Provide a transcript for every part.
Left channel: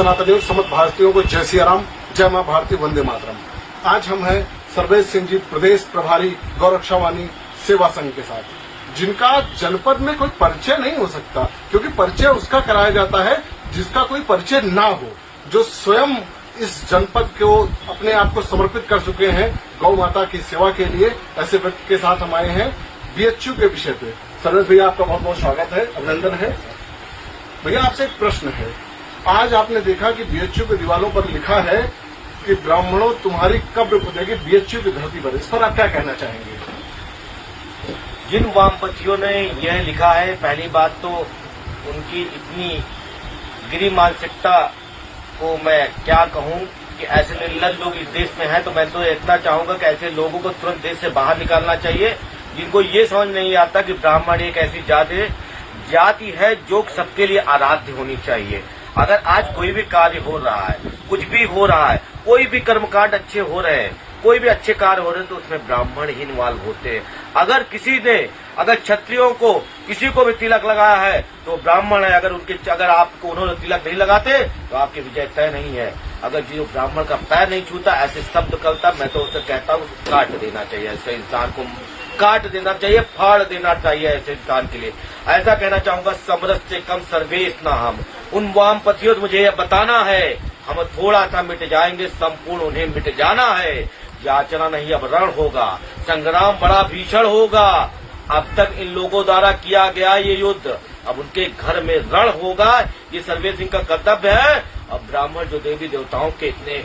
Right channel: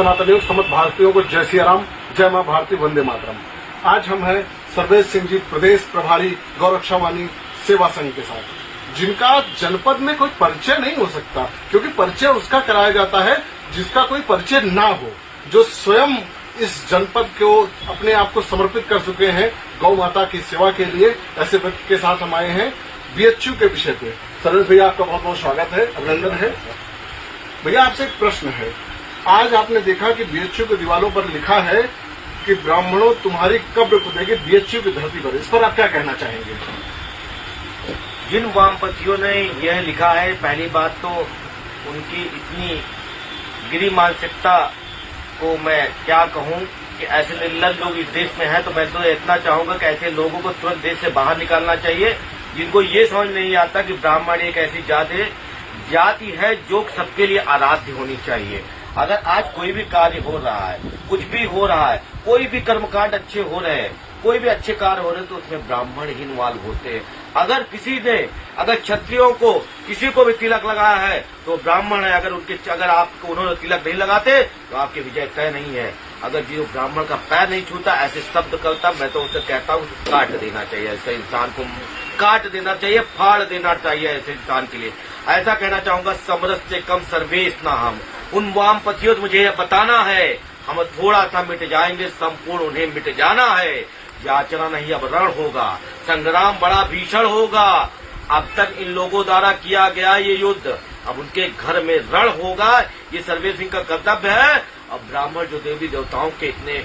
सनातनियों समस्त भारतीयों को जय सिया राम, जय मां भारती, वंदे मातरम। आज हम हैं सर्वेश सिंह जी, प्रदेश प्रभारी गौरक्षावाणी सेवा संघ के साथ, जिनका जनपद में कोई परिचय नहीं हो सकता, क्योंकि परिचय उसका कराया जाता है जिसका कोई परिचय ना हो, जो स्वयं इस जनपद को अपने आप को समर्पित कर चुके हैं गौ माता की सेवा के लिए। ऐसे व्यक्ति के साथ हम आए हैं बीएचयू के विषय पे। सर्वेश भैया, आपका बहुत बहुत स्वागत है, अभिनंदन है। भैया, आपसे एक प्रश्न है। आज आपने देखा कि बीएचयू के दीवारों पर लिखा है कि ब्राह्मणों तुम्हारी कब्र खुदेगी बीएचयू की धरती पर। इस पर आप क्या कहना चाहेंगे? जिन वामपंथियों ने यह लिखा है, पहली बात तो उनकी इतनी गिरी मानसिकता को मैं क्या कहूं कि ऐसे निर्लज लोग इस देश में हैं, तो मैं तो इतना चाहूंगा कि ऐसे लोगों को तुरंत देश से बाहर निकालना चाहिए, जिनको ये समझ में नहीं आता कि ब्राह्मण एक ऐसी जाति है जो सबके लिए आराध्य होनी चाहिए। अगर आज कोई भी कार्य हो रहा है, कुछ भी हो रहा है, कोई भी कर्मकांड अच्छे हो रहे हैं, कोई भी अच्छे कार्य हो रहे हैं, तो उसमें ब्राह्मण ही इन्वॉल्व होते हैं। अगर क्षत्रियों को किसी को भी तिलक लगाया है तो ब्राह्मण है। अगर आपको उन्होंने तिलक नहीं लगाते तो आपकी विजय तय नहीं है। अगर जो ब्राह्मण का पैर नहीं छूता, ऐसे शब्द करता, मैं तो उसे कहता हूँ काट देना चाहिए। ऐसे इंसान को काट देना चाहिए, फाड़ देना चाहिए ऐसे इंसान के लिए। ऐसा कहना चाहूंगा, समरस से कम सर्वेश ना हम। उन वामपंथियों को मुझे बताना है, हम थोड़ा सा मिट जाएंगे, संपूर्ण उन्हें मिट जाना है। याचना नहीं, अब रण होगा, संग्राम बड़ा भीषण होगा। अब तक इन लोगों द्वारा किया गया ये युद्ध, अब उनके घर में रण होगा। ये सर्वेश सिंह का कर्तव्य है। अब ब्राह्मण जो देवी देवताओं के इतने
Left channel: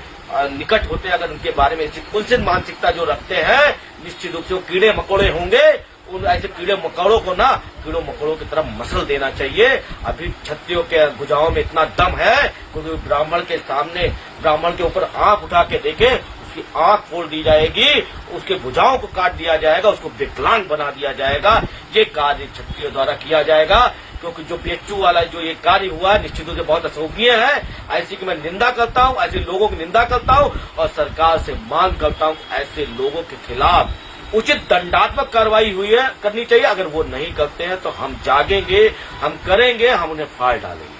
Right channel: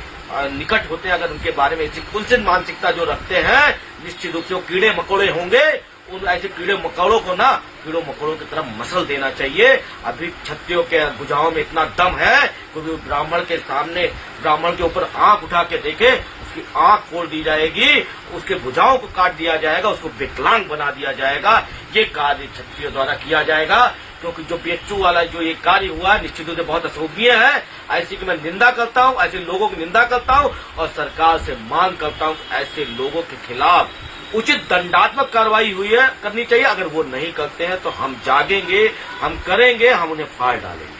निकट होते हैं, अगर उनके बारे में ऐसी कुंसित मानसिकता जो रखते हैं, निश्चित रूप से वो कीड़े मकोड़े होंगे। उन ऐसे कीड़े मकोड़ों को ना कीड़ों मकोड़ों की तरफ मसल देना चाहिए। अभी क्षत्रियों के भुजाओं में इतना दम है, क्योंकि ब्राह्मण के सामने, ब्राह्मण के ऊपर आंख उठा के देखे, उसकी आंख फोड़ दी जाएगी, उसके भुजाओं को काट दिया जाएगा, उसको विकलांग बना दिया जाएगा। ये कार्य क्षत्रियों द्वारा किया जाएगा, क्योंकि जो बीएचयू वाला जो ये कार्य हुआ है, निश्चित रूप से बहुत अशोभनीय है। ऐसी की मैं निंदा करता हूँ, ऐसे लोगों की निंदा करता हूँ और सरकार से मांग करता हूँ ऐसे लोगों के खिलाफ उचित दंडात्मक कार्रवाई करनी चाहिए। अगर वो नहीं करते हैं तो हम जागेंगे, हम करेंगे, हम उन्हें फाड़ डालेंगे।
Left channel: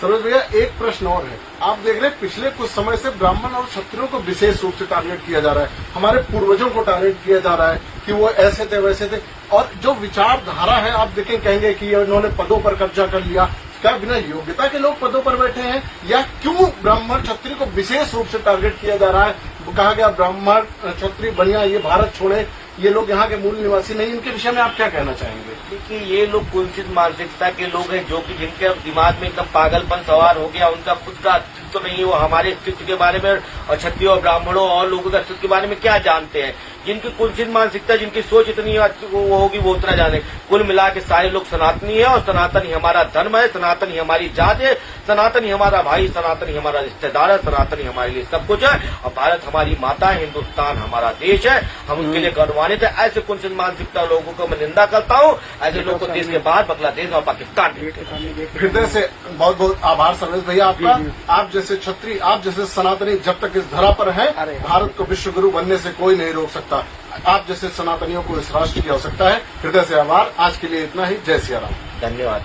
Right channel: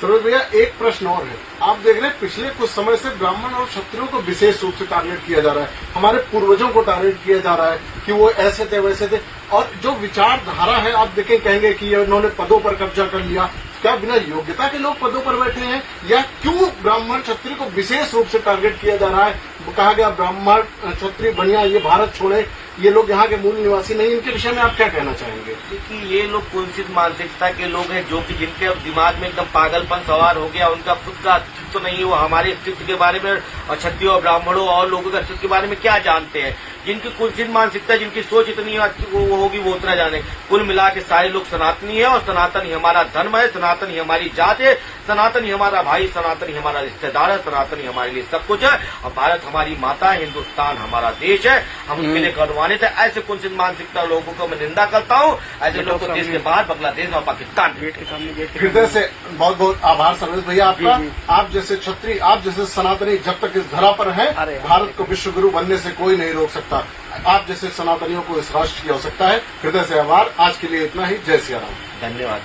सर्वेश भैया, एक प्रश्न और है। आप देख रहे हैं पिछले कुछ समय से ब्राह्मण और क्षत्रियों को विशेष रूप से टारगेट किया जा रहा है। हमारे पूर्वजों को टारगेट किया जा रहा है कि वो ऐसे थे वैसे थे, और जो विचारधारा है, आप देखें, कहेंगे कि इन्होंने पदों पर कब्जा कर लिया। क्या बिना योग्यता के लोग पदों पर बैठे हैं, या क्यों ब्राह्मण क्षत्रिय को विशेष रूप से टारगेट किया जा रहा है? कहा गया ब्राह्मण क्षत्रिय बनिया, ये भारत छोड़े, ये लोग यहाँ के मूल निवासी नहीं। इनके विषय में आप क्या कहना चाहेंगे? क्योंकि ये लोग कुंसित मानसिकता के लोग हैं, जो कि जिनके दिमाग में एकदम पागलपन सवार हो गया, उनका खुद का अस्तित्व नहीं हुआ हमारे अस्तित्व के बारे में, और क्षत्रियों और ब्राह्मणों और लोगों के अस्तित्व के बारे में क्या जानते हैं। जिनकी कुंसित मानसिकता, जिनकी सोच इतनी वो होगी, वो उतना जाने। कुल मिला के सारे लोग सनातनी है, और सनातन ही हमारा धर्म है, सनातन ही हमारी जात है, सनातन ही हमारा भाई, सनातन ही हमारा रिश्तेदार है, सनातन ही हमारे लिए सब कुछ है। और भारत हमारी माता, हिन्दुस्तान हमारा देश है, हम उनके लिए गर्वान्वित है। ऐसे कुंसित मानसिकता लोगों को मैं निंदा करता हूँ। ऐसे लोगों को देश के बाहर, बांग्लादेश और पाकिस्तान हृदय से बहुत बहुत आभार सर्वेश भैया आपका। आप जैसे क्षत्रिय, आप जैसे सनातनी जब तक इस धरा पर है, भारत को विश्व गुरु बनने से कोई नहीं रोक सकता। आप जैसे सनातनियों को इस राष्ट्र की आवश्यकता है। हृदय से आभार। आज के लिए इतना ही। जय सिया राम। धन्यवाद।